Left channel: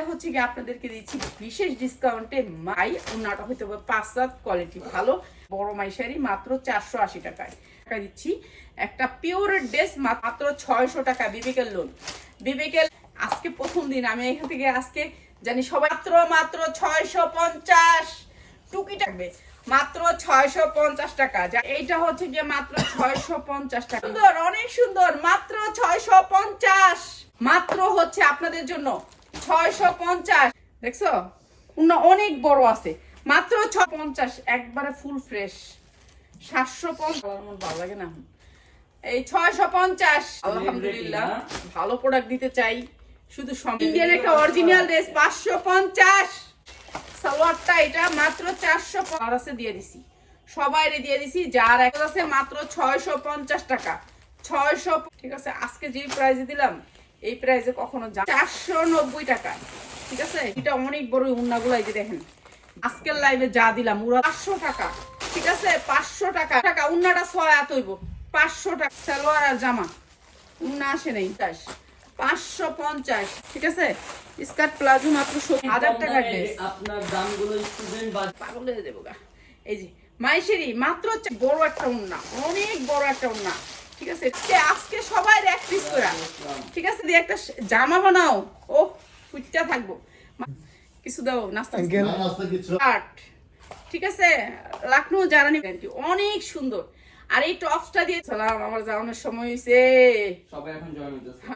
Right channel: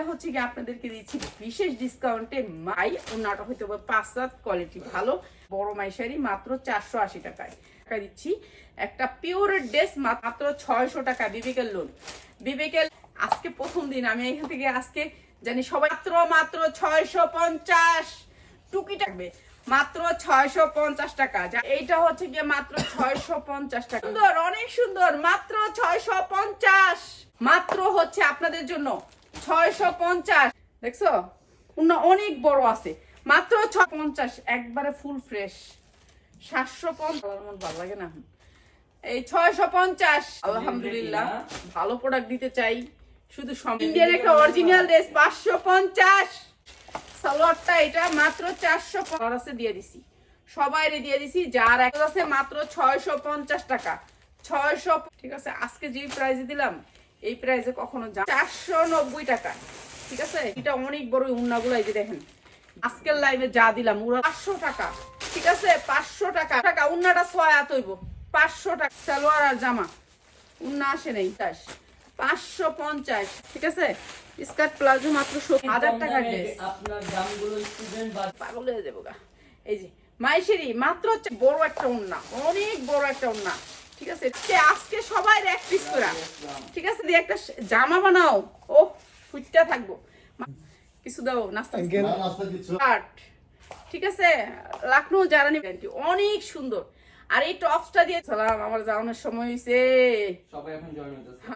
এইটা হচ্ছে কি আপনাদেরকে দিচ্ছি বিশেষ ডিসকাউন্টে মাই, ওনাটা হয়তো বা পাঁচ সাত কোয়ালিটি ভালো। বড় মাইশারি মাত্র চারশো আশি টাকায়। টাকা দিচ্ছি। একটা পিওর ড্রেস মাত্র ছয়শো টাকা, বিবেকের লোন বিবেকের আজকে প্রথম দিন, আমি এখান থেকে আজকে জানি সবাই মাত্র মাত্র ছয়শো পঞ্চাশ টুকি থাকবে। মাত্র ছয়শো পঞ্চাশ টাকা। যা এইটা হচ্ছে যে মাত্র ছয়শো পঞ্চাশ টাকা। সুন্দর, অনেক সুন্দর, মাত্র ছয়শো পঞ্চাশ। মাত্র হচ্ছে আপনাদের জন্য অনেক বড় আছে। মাত্র ছ পঞ্চাশ, একবারে ফুল ফ্রেশ সাতশো পঞ্চাশ। ভালো লাগে না এই পঞ্চাশ। আলহামদুলিল্লাহ, ভালো প্রোডাক্ট দিতে চাই। শুধু ইন্ডিয়ান একটা অরিজিনাল ড্রেস পাঁচশো পঞ্চাশ। সালোয়ারটা এটা মাত্র চারশো আছে দিয়ে দিছি। সবাইরে দিয়ে দিছি, যার এক আছে মাত্র ছয়শো পঞ্চাশ টাকা। ছয়শো ঠিক আছে, আজকে যেই প্রাইজে দিলাম এই প্রাইজে কখনো চারশো নব্বই টাকা। ঠিক আছে? এটা অনেক বড় উন্নাগুলো এই যে দেখেন। আজকের লাইভে যা দিলাম ওরা পাঁচশো টাকা। ঠিক আছে? পাঁচশো টাকা। টাকা উন্নাটা ছয় আত হইব। পাঁচশো টাকা। সালোয়ার আর জামা। উন্না আসে নেই। পাঁচশো পঞ্চাশ। ঠিক আছে? স্কার্ট প্লাজো মাত্র হাজার টাকার ড্রেস আপনার দামগুলো স্টুডেন্ট পাগল হয়ে দেবো গা। এই যে মাইশেরি মাত্র বড় একটা উন্না। অনেক বড় একটা উন্না। ঠিক আছে? আজকে সবাই এক পিস করা। ঠিক আছে? দিয়ে একটা জামা বানাও। ও ফুটটা থাকব। কিছু দাও নাস্তা আট ঠিক আছে? লাখনৌ জারানি অনেক সুন্দর। আর এই টপসটা দিয়ে চলাম আমার যাওয়ানোর সময় হয়েছে সবাই এখন জয়েন